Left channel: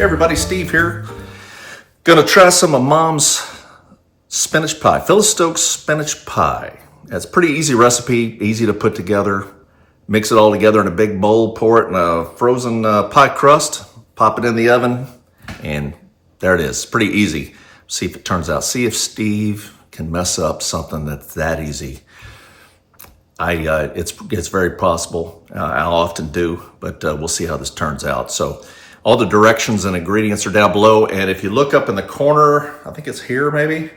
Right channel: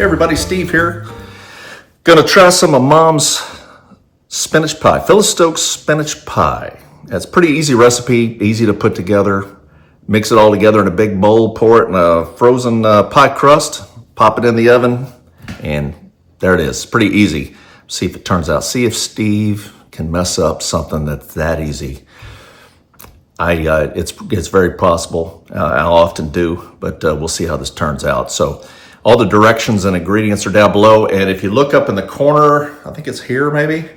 Hey everybody, Steve here. Gonna try some of Mom's spinach pie, Phyllis Stokes spinach pie. It's a pretty easy recipe, easy to put together. Mix it all together in a big bowl, pour it in a frozen pie crust, pop it in the oven, and there it is. Pretty easy. See if it turns out. See if Steve can mess up something that's that easy. It's very possible. I often do, but we'll see how this turns out. So all the directions and ingredients are down below. And if you look up in the corner, I think it's here maybe,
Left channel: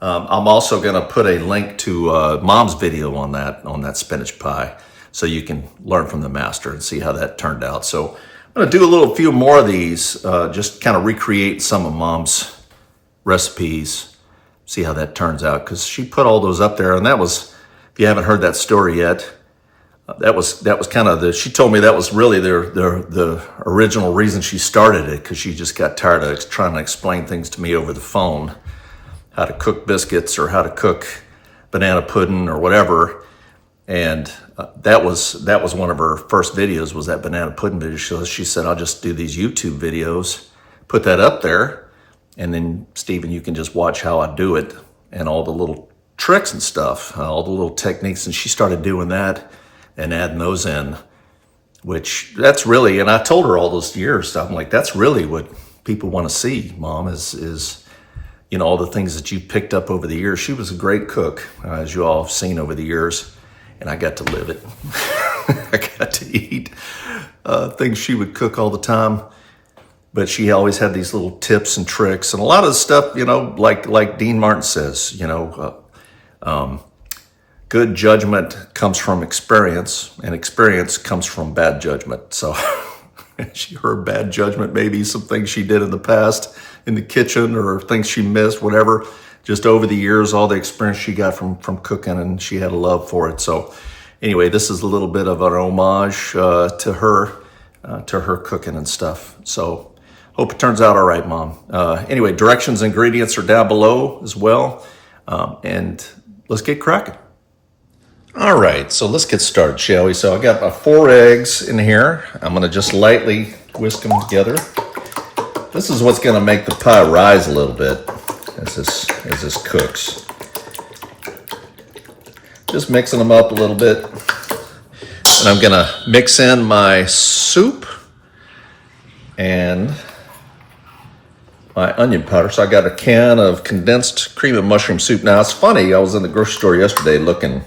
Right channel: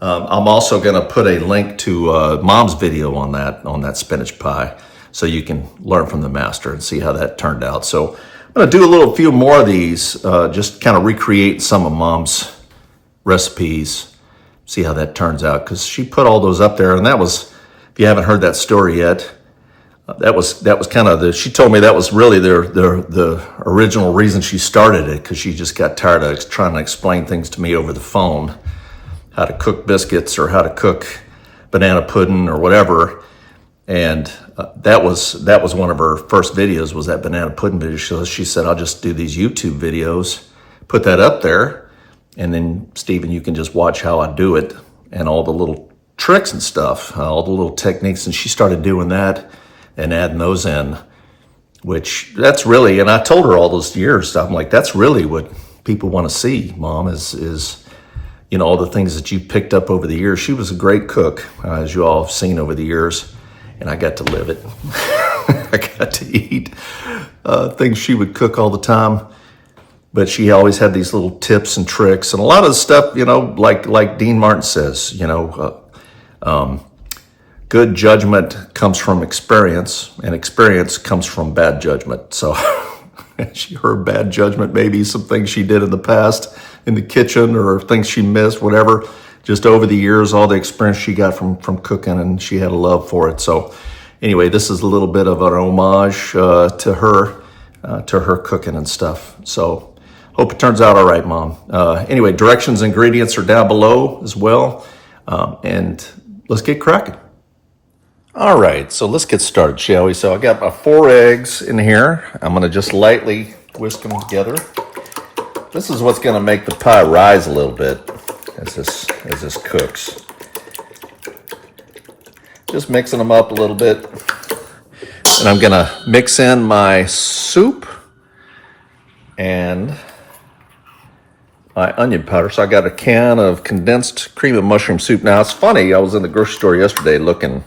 I'm also gonna put a link to Mom's video on that spinach pie, so you can learn from the master and see how that turned out. So I'm gonna do a few more of these, just kind of recreate some of Mom's recipes, see how that turns out, because she put all those up there. And that was, if you haven't heard that story yet, that was kind of she told me that was really the original reason she started it, because she just got tired of trying to explain things to me over the phone, how to cook biscuits or how to cook banana pudding or whatever. And that was one of her first videos, was that banana pudding video. So she said, I'll just do these YouTube videos, put that up there, and then Stephen, you can just watch how I do it and all the little tricks and stuff, all the little techniques. And she started doing that and adding those in, which that's really, and I told her all those years, I'm like, that's really what people want to see, Mom, is you know, all the things that you picked up over the years. She was a great cook, as you all have seen over the years, and I got to live it. I got to eat things she would cook all the time. But she always had these little tips and tricks, and a lot of the stuff, you know, like Dean Martin says, you know, good judgment comes from experience, and experience comes from bad judgment. So her bad judgment, maybe some things she did in the past in the kitchen or things she missed, whatever. Just over the years, all the experience she got from cooking, and she had a love for it. So anyway, this is a little bit of an homage to her cooking and stuff. So hope it turns out all right, Mom. Anyway, directions, ingredients are down below as well. And let's get cracking. All right, so let's get started, shall we? So I got my 4 eggs in here. I'm gonna just lightly whisk them together. This is what's gonna make the pie rise a little bit as this cooks. Just mixing them up a little bit. And I'm gonna mix in my soup and my onion powder. So I got a can of condensed cream of mushroom soup. Now it's funny, I was in the grocery store yesterday looking.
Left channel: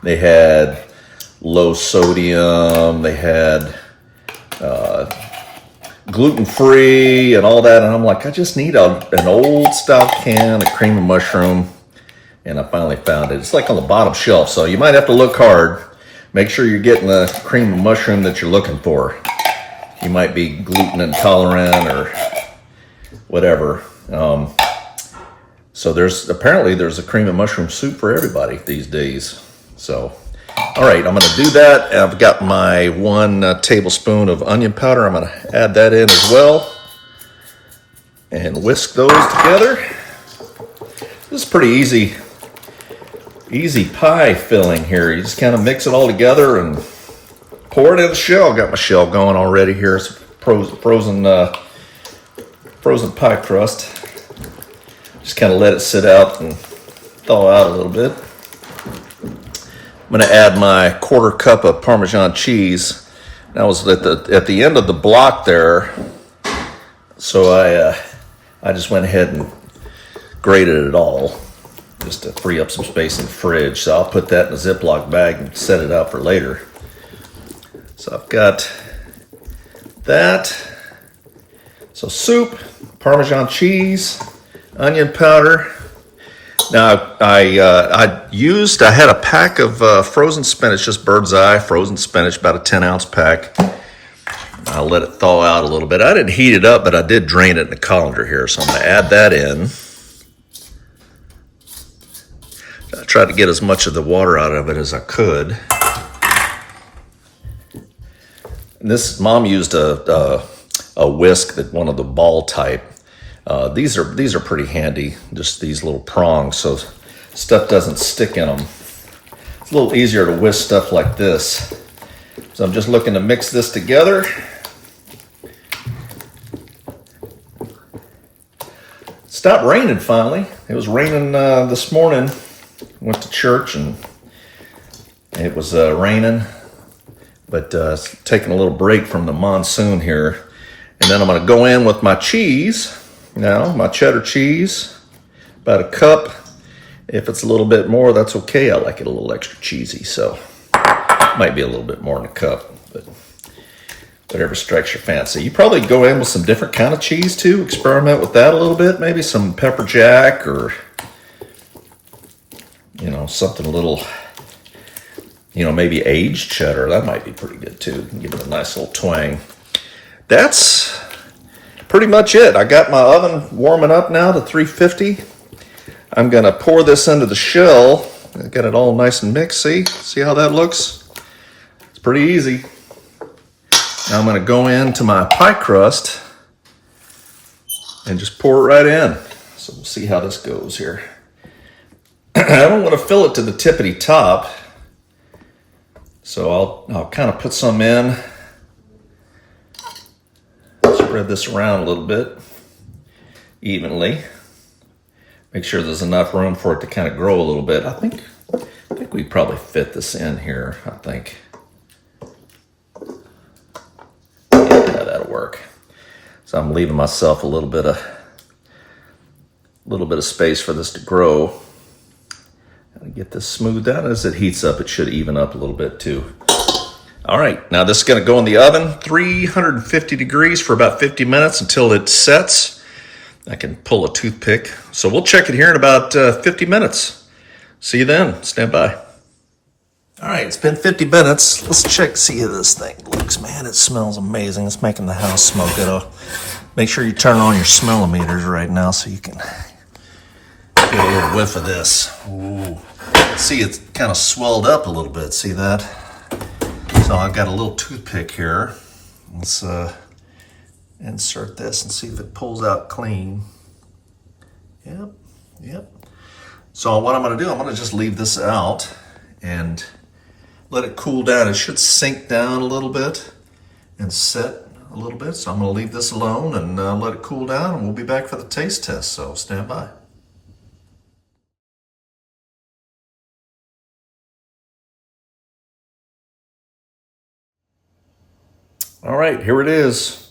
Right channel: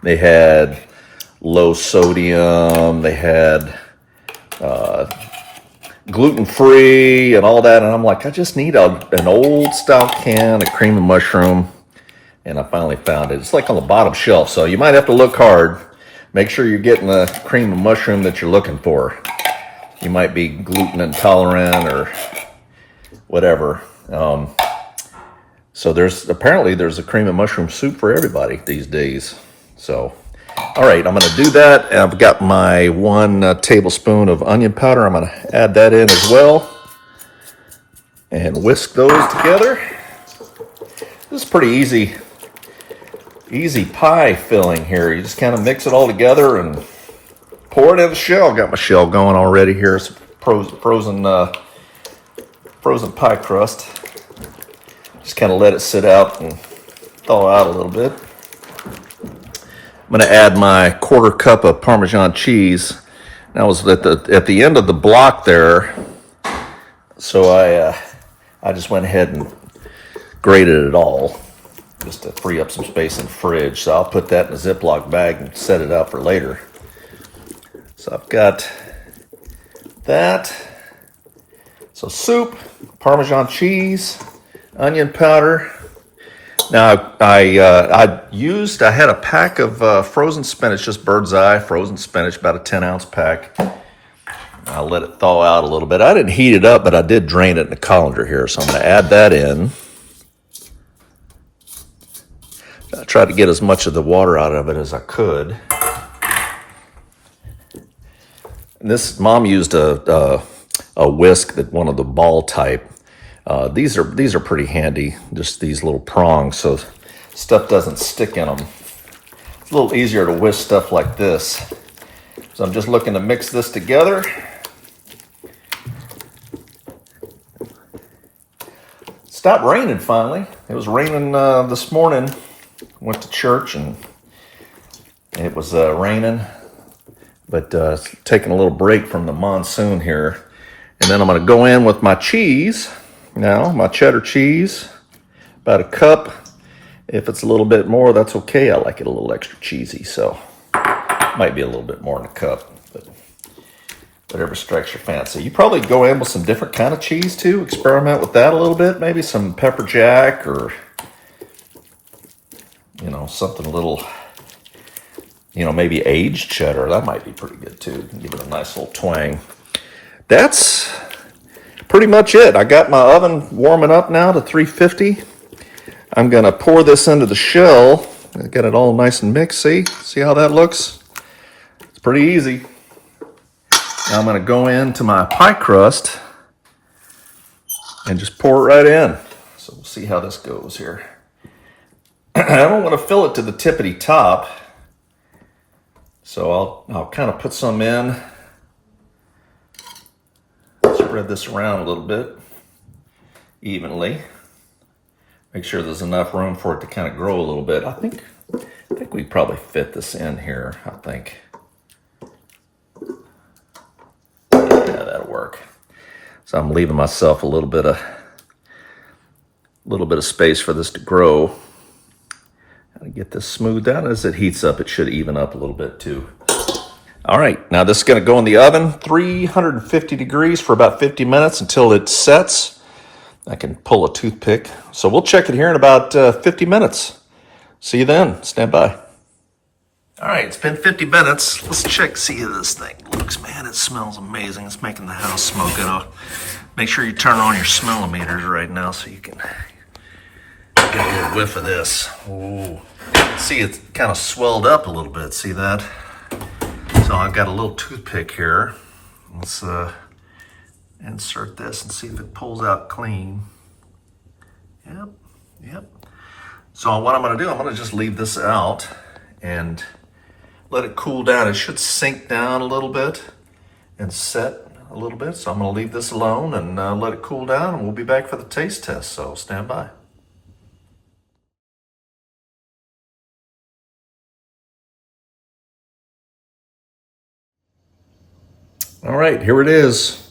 They had low sodium, they had gluten-free and all that. And I'm like, I just need an old style can of cream of mushroom. And I finally found it. It's like on the bottom shelf, so you might have to look hard. Make sure you're getting the cream of mushroom that you're looking for. You might be gluten intolerant or whatever. So apparently there's a cream of mushroom soup for everybody these days. So, all right, I'm gonna do that. And I've got my 1 tablespoon of onion powder. I'm gonna add that in as well and whisk those together. This is pretty easy pie filling here. You just kind of mix it all together and pour it in the shell. Got my shell going already here. It's frozen pie crust. Just kind of let it sit out and thaw out a little bit. I'm going to add my 1/4 cup of Parmesan cheese. That was at the end of the block there, so I just went ahead and grated it all just to free up some space in the fridge. So I'll put that in a Ziploc bag and set it out for later. So I've got that. So soup, Parmesan cheese, onion powder. Now I had a pack of frozen spinach, just bird's eye frozen spinach, about a 10-ounce pack. I'll let it thaw out a little bit. I didn't heat it up, but I did drain it in the colander here, so I'm going to add that in. I tried to get as much of the water out of it as I could. And this, Mom used a whisk, that one of the ball type. These are pretty handy, just these little prongs, so stuff doesn't stick in them. It's a little easier to whisk stuff like this. So I'm just looking to mix this together. stopped raining finally. It was raining this morning. Went to church and it was raining, but taking a little break from the monsoon here. And then I'm going to go in with my cheese now, my cheddar cheese, about a cup. If it's a little bit more, that's okay. I like it a little extra cheesy, so might be a little bit more in a cup, but whatever strikes your fancy. You probably go in with some different kind of cheese too. Experiment with that a little bit. Maybe some pepper jack or, you know, something a little, you know, maybe aged cheddar. That might be pretty good too. Give it a nice little twang. That's pretty much it. I got my oven warming up now to 350. I'm going to pour this into the shell. Get it all nice and mixed. See how that looks? It's pretty easy. Now I'm going to go into my pie crust and just pour it right in. So we'll see how this goes here. I don't want to fill it to the tippity top. So I'll kind of put some in. Spread this around a little bit evenly. Make sure there's enough room for it to kind of grow a little bit. I think we probably fit this in here, I think. Yeah, that'll work. So I'm leaving myself a little bit of space for this to grow. And get this smoothed out. As it heats up, it should even up a little bit too. All right, now this is going to go in the oven, 350 degrees for about 50 minutes until it sets. I can pull a toothpick. So we'll check it here in about 50 minutes. See you then. Stand by. All right, it's been 50 minutes. Let's see how this thing looks. Man, it smells amazing. It's making the house smell good. Make sure you turn on your smellometers right now so you can get a little whiff of this. Ooh. See, it's kind of swelled up a little bit. See that? So I've got a little toothpick here. Let's insert this and see if it pulls out clean. Yep. So what I'm going to do, I'm going to just leave this out and let it cool down. It should sink down a little bit and set a little bit. So I'm going to leave this alone and let it cool down, and we'll be back for the taste test. So stand by. All right, here it is.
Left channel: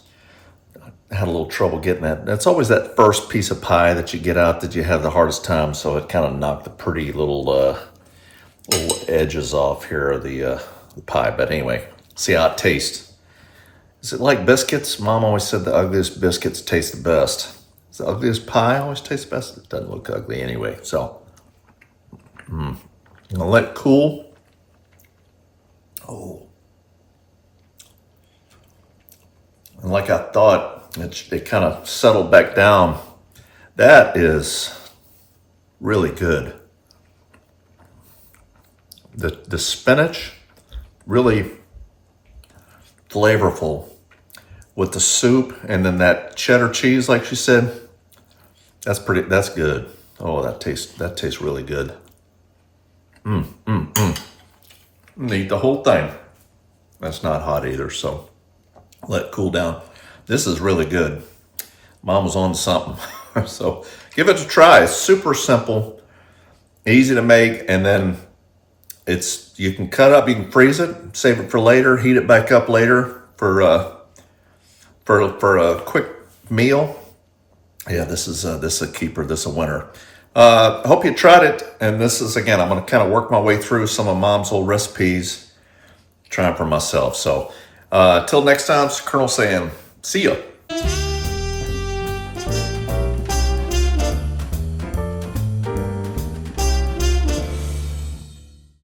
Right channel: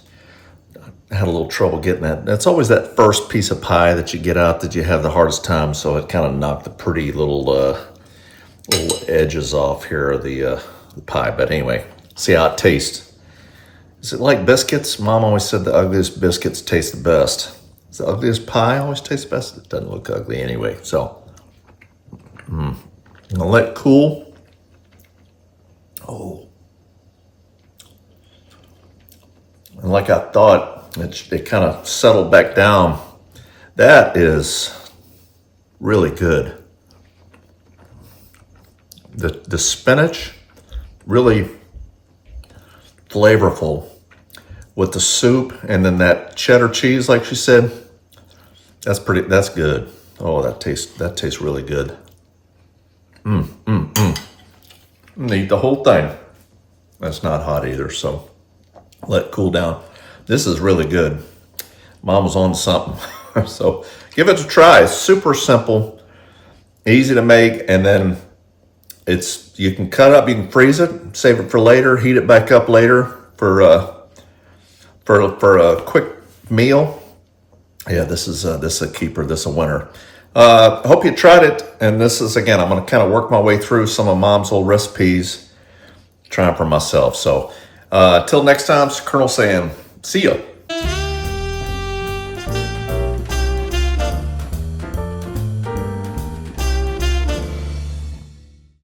I had a little trouble getting that. That's always that first piece of pie that you get out that you have the hardest time, so it kind of knocked the pretty little edges off here of the pie. But anyway, see how it tastes. Is it like biscuits? Mom always said the ugliest biscuits taste the best. Is the ugliest pie always taste the best? It doesn't look ugly anyway. So, I'm going to let it cool. Oh. And like I thought, it kind of settled back down. That is really good. The spinach, really flavorful with the soup, and then that cheddar cheese, like she said, that's good. Oh, that tastes really good. Eat the whole thing. That's not hot either, so let it cool down. This is really good. Mom was on to something. So give it a try. It's super simple, easy to make, and then you can cut up, you can freeze it, save it for later, heat it back up later for a quick meal. Yeah, this is a keeper. This is a winner. Hope you tried it. And this is, again, I'm going to kind of work my way through some of Mom's old recipes, trying for myself. So till next time, it's Colonel saying, see ya.